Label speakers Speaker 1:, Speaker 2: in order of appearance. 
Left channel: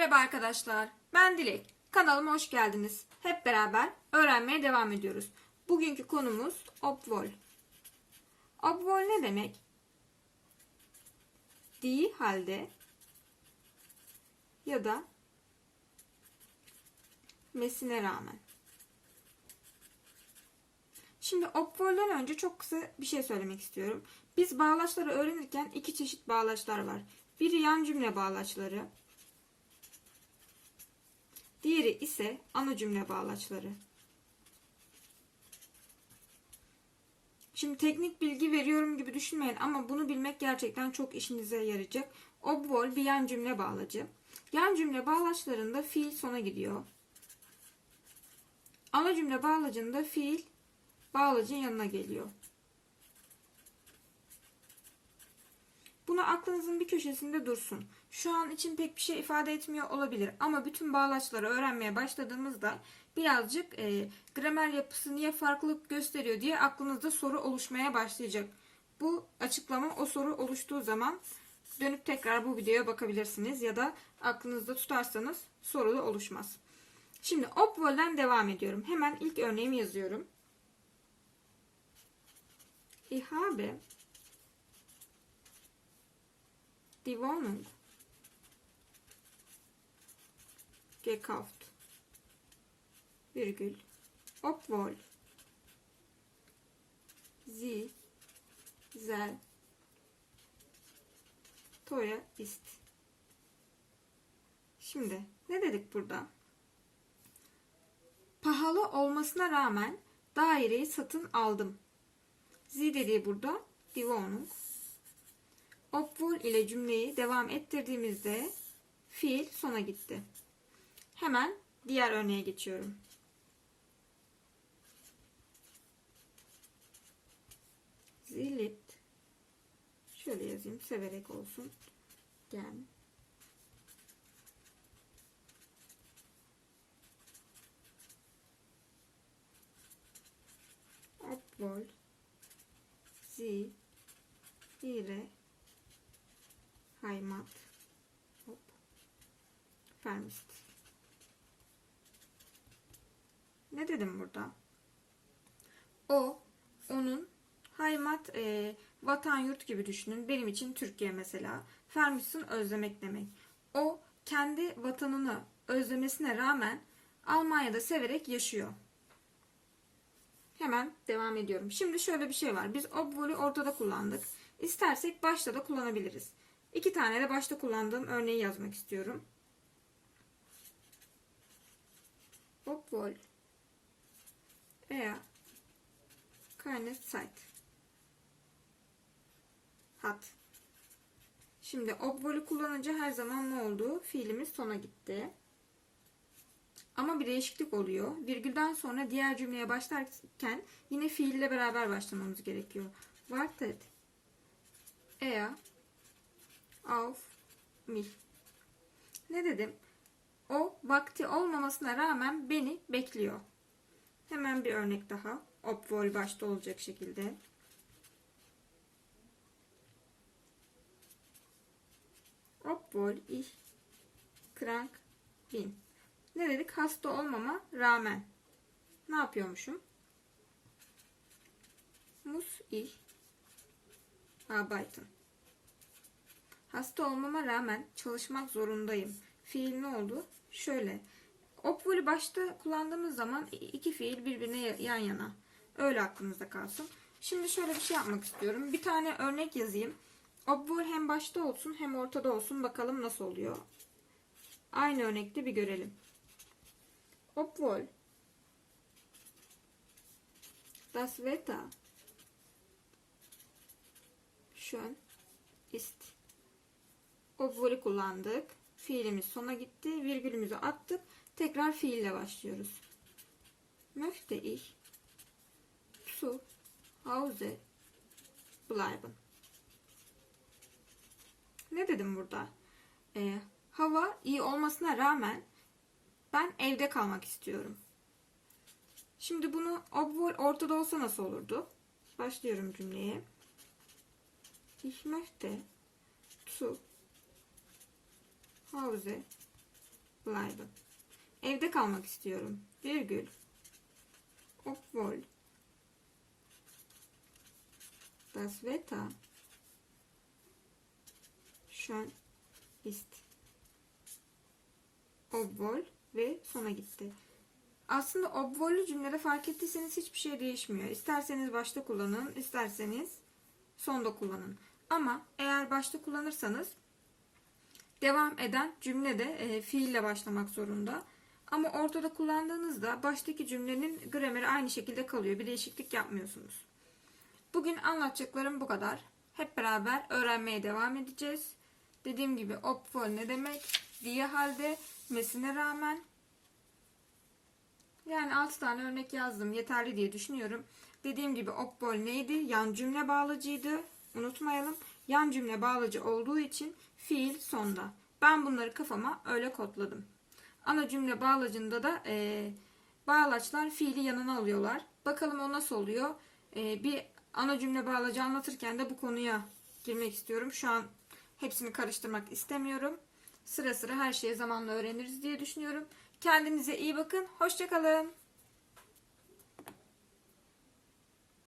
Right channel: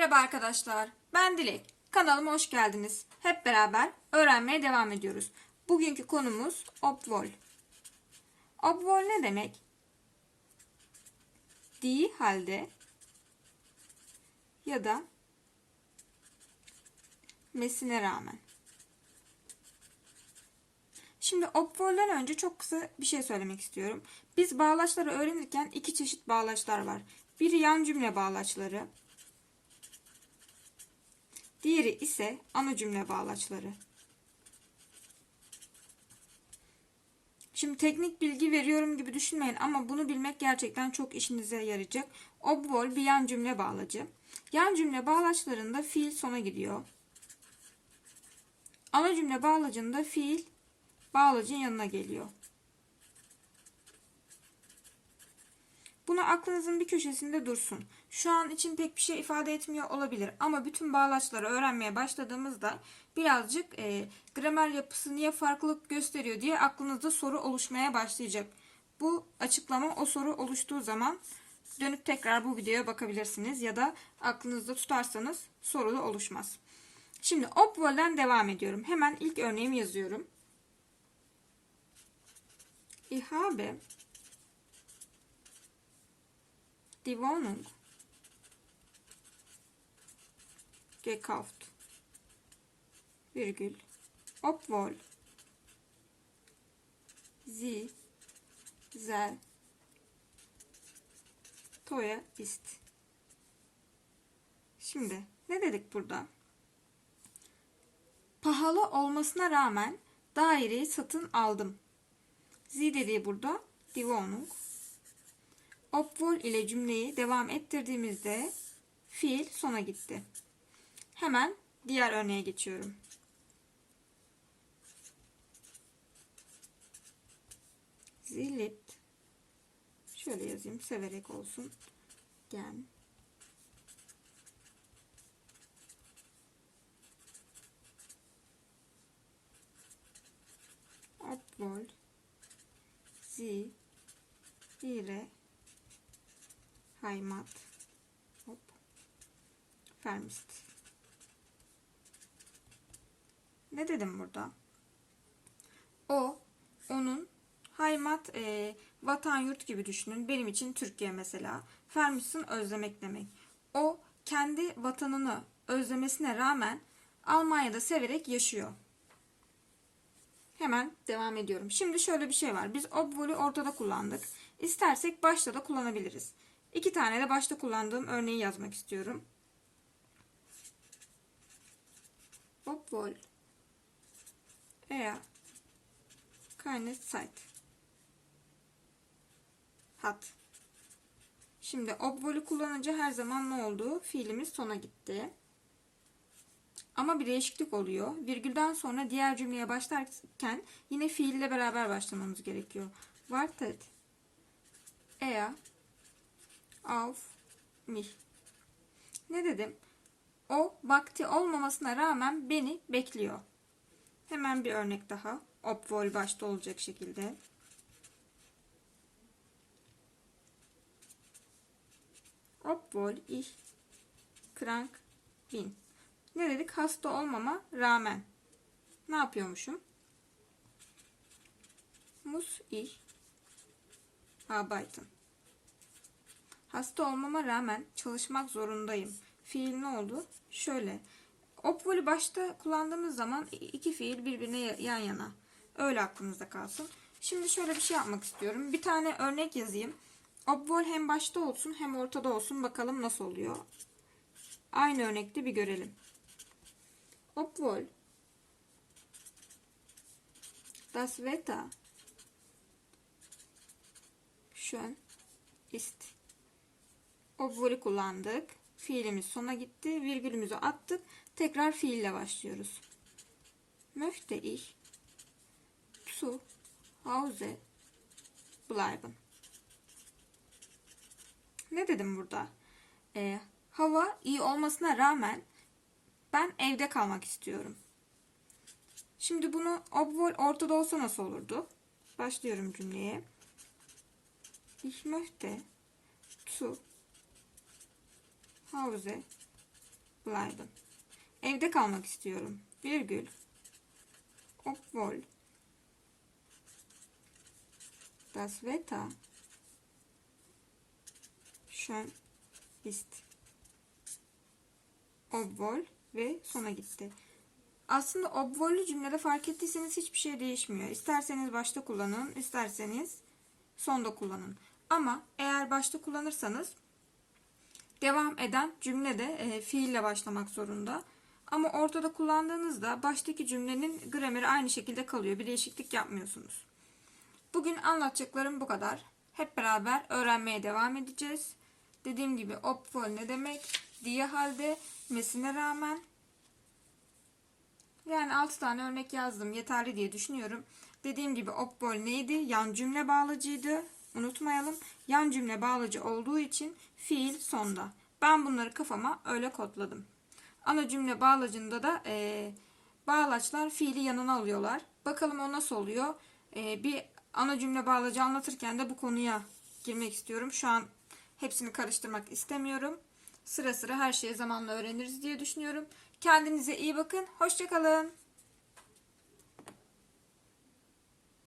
Speaker 1: Merhaba arkadaşlar, ben Dilek. Kanalıma hoş geldiniz. Hep beraber öğrenmeye devam ediyoruz. Bugünkü konumuz obvol. Obvol ne demek? Değil halde ya da mesine rağmen. Şimdi obvolden önce çok kısa bir şey söylemek istiyorum. Biz bağlaçları öğrenirken iki çeşit bağlaçlar var. Biri yan cümle bağlaçları, Diğeri ise ana cümle bağlaçları. Şimdi teknik bilgi veriyorum gibi düşünmeyin ama bunu bilmek gerçekten çok işinize yarayacak. Obvol bir yan cümle bağlacı. Yan cümle bağlaçlarında fiil sona gidiyor. Ana cümle bağlacında fiil bağlacın yanına geliyor. Bunu aklınızın bir köşesinde dursun. Şu an için pek bir şey ifade etmiyor olabilir ama bütün bağlaçları öğrenmeye başladığımızda birazcık e, gramer yapısı niye farklılık gösteriyor diye aklınızda soru oluşmaya başlayacak. Bu açıklama o soru oluştuğu zaman dönüp tekrar bu videoya bakabilirsiniz ya da aklınızda tutarsanız soru da oluşmaz. Şimdi obvol'den devam ediyorum. Hemen ilk örneğimi yazıyorum. Ich die Wohnung gekauft. Virgül. Obwohl sie sehr teuer ist. Şimdi ne dedik burada? Pahalı olmasına rağmen daireyi satın aldım. Sie dediği burada die Wohnung. Obwohl ile cümleyi devam ettirdiğimizde fiil sona gitti. Hemen diğer örneğe geçiyorum. Sie liebt. Şöyle yazayım severek olsun. Gern. Obwohl sie ihre Heimat hop, vermişti. Ne dedim burada? O, onun Heimat e, vatan yurt gibi düşünün. Benim için Türkiye mesela. Vermişsin özlemek demek. O kendi vatanını özlemesine rağmen Almanya'da severek yaşıyor. Hemen devam ediyorum. Şimdi şöyle bir şey var. Biz obvolü ortada kullandık. İstersek başta da kullanabiliriz. İki tane de başta kullandığım örneği yazmak istiyorum. Obwohl er keine Zeit hat. Şimdi obwohl'ü kullanınca her zaman ne oldu? Fiilimiz sona gitti. Ama bir değişiklik oluyor. Virgülden sonra diğer cümleye başlarken yine fiille beraber başlamamız gerekiyor. Wartet er auf mich. Ne dedim? O vakti olmamasına rağmen beni bekliyor. Hemen bir örnek daha. Obwohl başta olacak şekilde. Obwohl ich krank bin. Ne dedik? Hasta olmama rağmen. Ne yapıyormuşum? Muss ich arbeiten. Hasta olmama rağmen çalışmak zorundayım. Fiil ne oldu? Şöyle. Obwohl'ü başta kullandığımız zaman iki fiil birbirine yan yana. Öyle aklınızda kalsın. Şimdi şöyle bir şey yapmak istiyorum. Bir tane örnek yazayım. Obwohl hem başta olsun hem ortada olsun. Bakalım nasıl oluyor. Aynı örnekte bir görelim. Obwohl das Wetter schön ist. Obwohl'ü kullandık. Fiilimiz sona gitti. Virgülümüzü attık. Tekrar fiille başlıyoruz. Möchte ich zu Hause bleiben. Ne dedim burada? Ee, hava iyi olmasına rağmen ben evde kalmak istiyorum. Şimdi bunu obwohl ortada olsa nasıl olurdu? Başlıyorum cümleye. Ich möchte zu Hause bleiben. Evde kalmak istiyorum. Virgül. Obwohl das Wetter schön ist. Obwohl ve sona gitti. Aslında obwohl'ü cümlede fark ettiyseniz hiçbir şey değişmiyor. İsterseniz başta kullanın, isterseniz sonda kullanın. Ama eğer başta kullanırsanız devam eden cümlede e, fiille başlamak zorunda. Ama ortada kullandığınızda baştaki cümlenin grameri aynı şekilde kalıyor. Bir değişiklik yapmıyorsunuz. Bugün anlatacaklarım bu kadar. Hep beraber öğrenmeye devam edeceğiz. Dediğim gibi obwohl ne demek? Diye halde nesine rağmen yani 6 tane örnek yazdım. Yeterli diye düşünüyorum. Dediğim gibi obwohl neydi? Yan cümle bağlacıydı. Unutmayalım. Yan cümle bağlacı olduğu için fiil sonda. Ben bunları kafama öyle kodladım. Ana cümle bağlacında da e, bağlaçlar fiili yanına alıyorlar. Bakalım o nasıl oluyor? E, bir ana cümle bağlacı anlatırken de bu konuya girmek istiyorum. Şu an hepsini karıştırmak istemiyorum. Sıra sıra her şeyi zamanla öğreniriz diye düşünüyorum. Kendinize iyi bakın. Hoşçakalın.